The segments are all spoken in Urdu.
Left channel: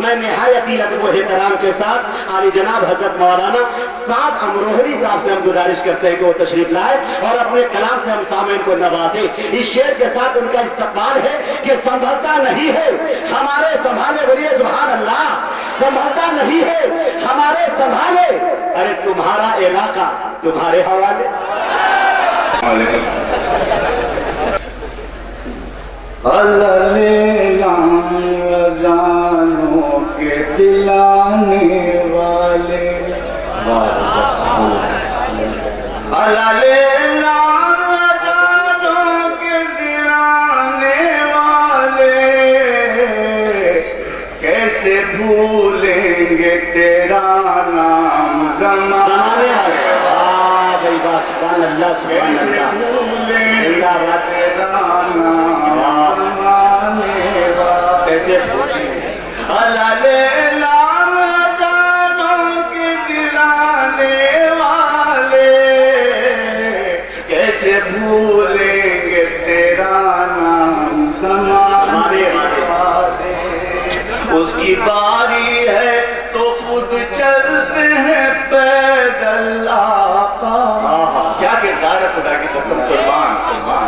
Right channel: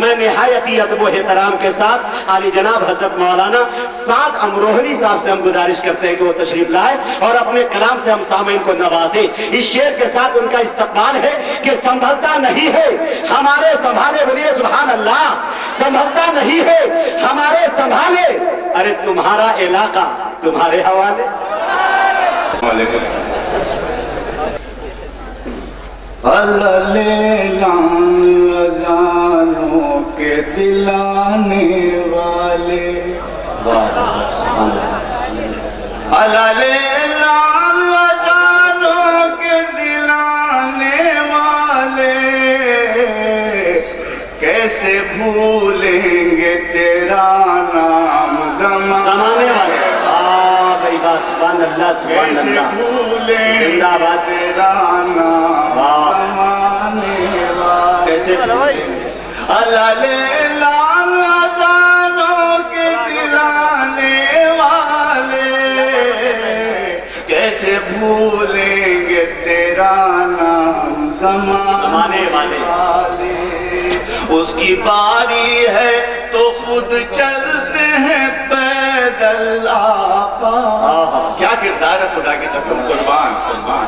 میں نہایت ادب و احترام کے ساتھ عالی جناب حضرت مولانا سعد امروہری صاحب سے ہم گزارش کرتے ہیں کہ وہ تشریف لائے اور اپنے کلام سے ہم سامعین کو نوازیں۔ اس شعر کے ساتھ ان کا استقبال ہے کہ سنبھلتا نہیں ہے ہمارے سنبھالے، بولیے سبحان اللہ، سنبھلتا نہیں ہے ہمارے سنبھالے، ارے تمہارا علاقہ تمہارے حوالے۔ جانوں کے دلانے والے، جانوں کے دلانے والے، کیسے بھولیں گے تیرا نام زمانے والے۔ سبحان اللہ سبحان اللہ، زندہ باد تیرا نام زمانے والے، کیسے جانوں کے دلانے والے، کیسے بھولیں گے تیرا نام زمانے والے۔ اس کی باری ہے تو خود چلتے ہیں پیدل آقا۔ کیا کردار ہے، خدا کی قسم قربان قربان۔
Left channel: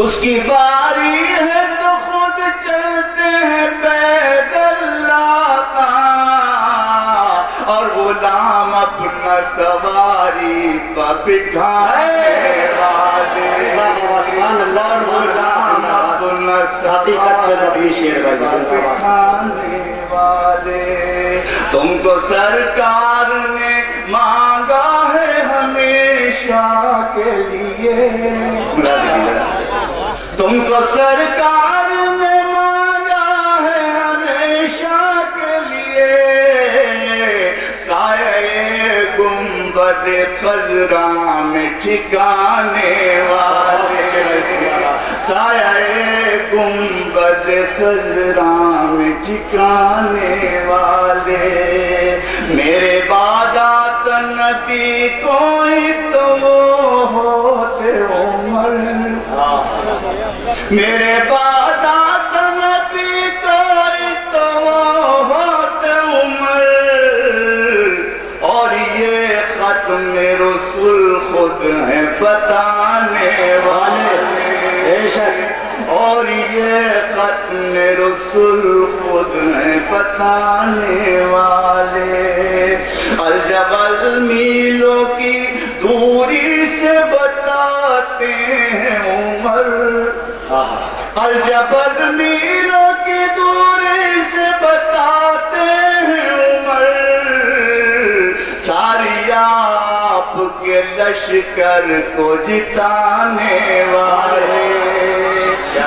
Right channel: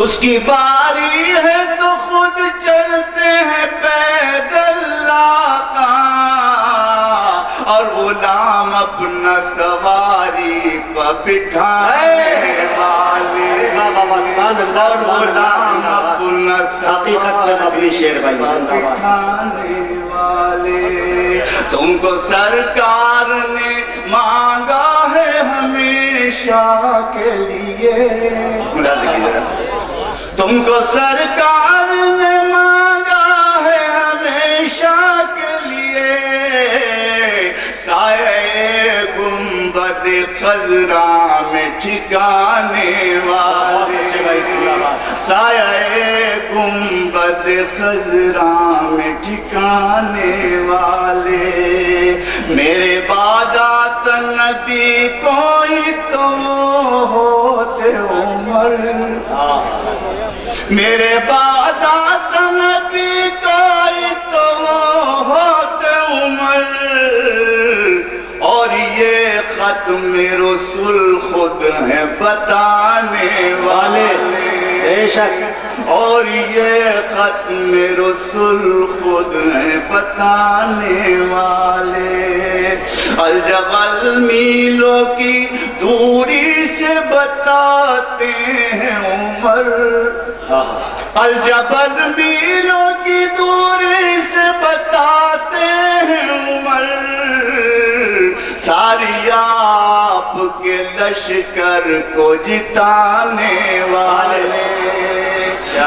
اس کی باری ہے تو خود چلتے ہیں پیدل آقا، اور غلام اپنا سواری پر بٹھائے والے۔ سبحان اللہ، اور غلام اپنا حقیقت میں مبلی شعر پر بٹھانے والے۔ تم کو سرکار نے مانگا ہے ہمیشہ کے لیے، تم کو سرکار نے مانگا ہے ہمیشہ کے لیے، سایہ گنبد خضرا میں ٹھکانے والے، سایہ گنبد خضرا میں ٹھکانے والے۔ میرے بعد آتا نبی کوئی تو ہوتے عمر، میرے بعد آتا نبی کوئی تو ہوتے عمر، اور یہ ختم رسول خود ہیں بتانے والے، بے شک، اور یہ ختم رسول خود ہیں بتانے والے۔ الجبل میلوں کی دوری سے بتاتے ہیں عمر، الجبل میلوں کی دوری سے بتاتے ہیں عمر، ساری آپ کے لشکر کو جتانے والے،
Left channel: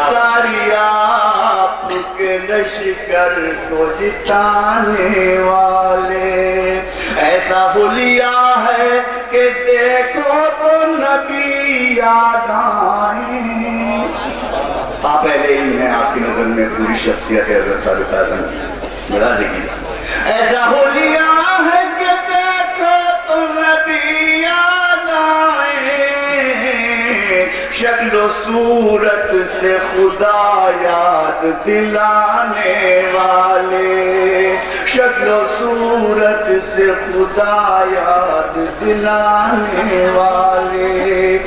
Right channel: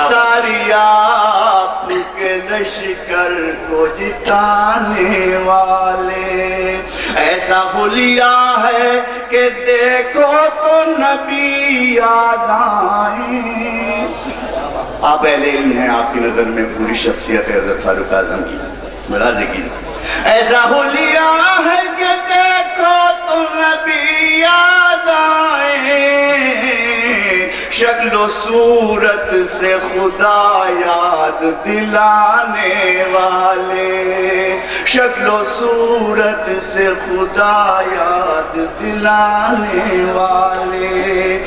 ساری آپ کے لشکر کو جتانے والے۔ ایسا حلیہ ہے کہ دیکھو تو نبی یاد آئیں۔ آپ اہل علم ہیں، آپ کی نظر میں پوری شخصیت ہے حضرت فاروق اعظم بڑھا دے گی۔ ایسا حلیہ ہے کہ دیکھو تو نبی یاد آئیں، شکل و صورت سے خدا یاد دلانے والے، شکل و صورت سے خدا یاد دلانے والے۔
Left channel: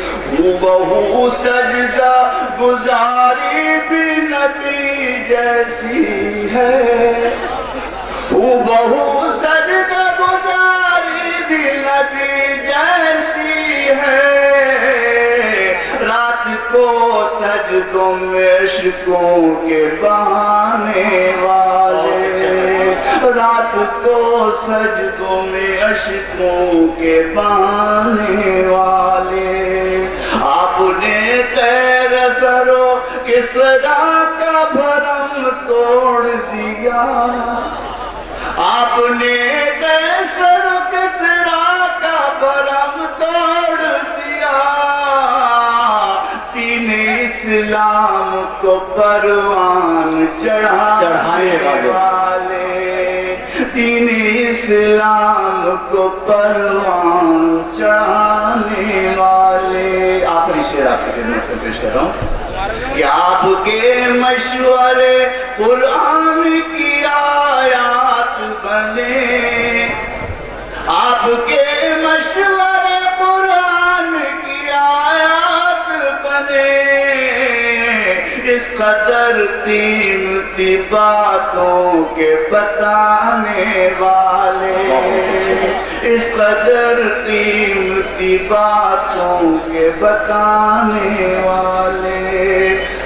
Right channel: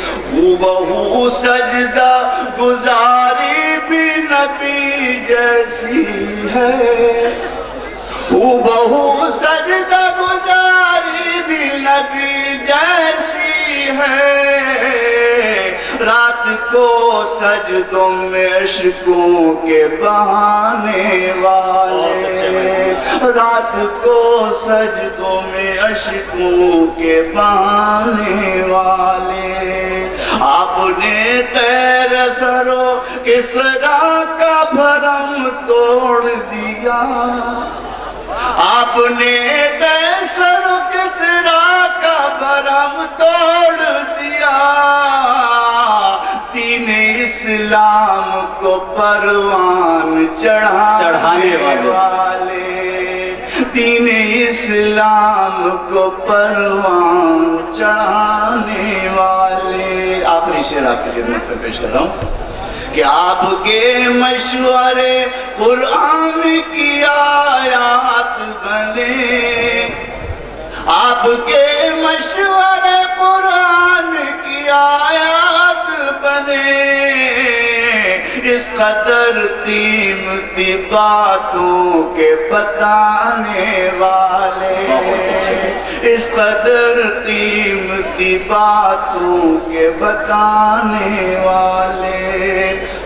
بہو سجدہ گزاری بھی نبی جیسی ہے، بہو سجدہ گزاری بھی نبی جیسی ہے، رات کو سجدوں میں عشقوں کے بہانے والے، رات کو سجدوں میں عشقوں کے بہانے والے۔ آپ نے غیر زر و کسریٰ کا بھرم توڑ دیا، آپ نے قیصر و کسریٰ کا بھرم توڑ دیا، دین اسلام کو پروان چڑھانے والے، دین اسلام کو پروان چڑھانے والے۔ آخری شعر آپ سے خدمت میں پیش کر رہا ہوں۔ کہ آپ کے مشورے قرآن کی آیات بنے، آپ کے مشورے قرآن کی آیات بنے، اس قدر قیمتی باتوں کے بتانے والے، اس قدر قیمتی باتوں کے بتانے والے۔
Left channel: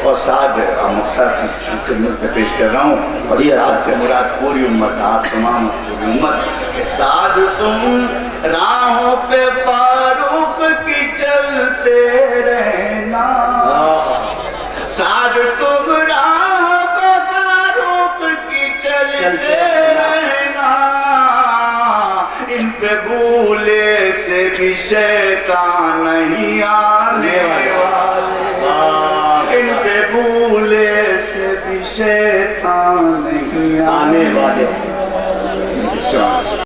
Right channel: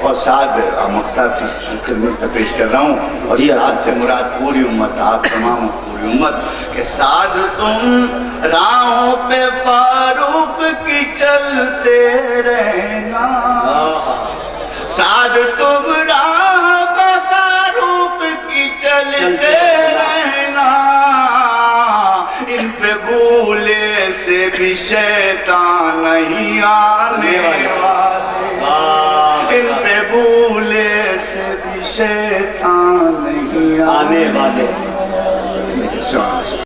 اور ساتھ مختلف خدمت میں پیش کر رہا ہوں، اور ساتھ سے مراد پوری امت، آپ تمام پوری امت کے ساتھ تم راہوں پہ فاروق کی چلتے رہنا، ساتھ تم راہ پہ فاروق کی چلتے رہنا، ان پہ بھولے سے بھی شیطان نہیں آنے والے، ان پہ بھولے سے بھی شیطان نہیں آنے والے۔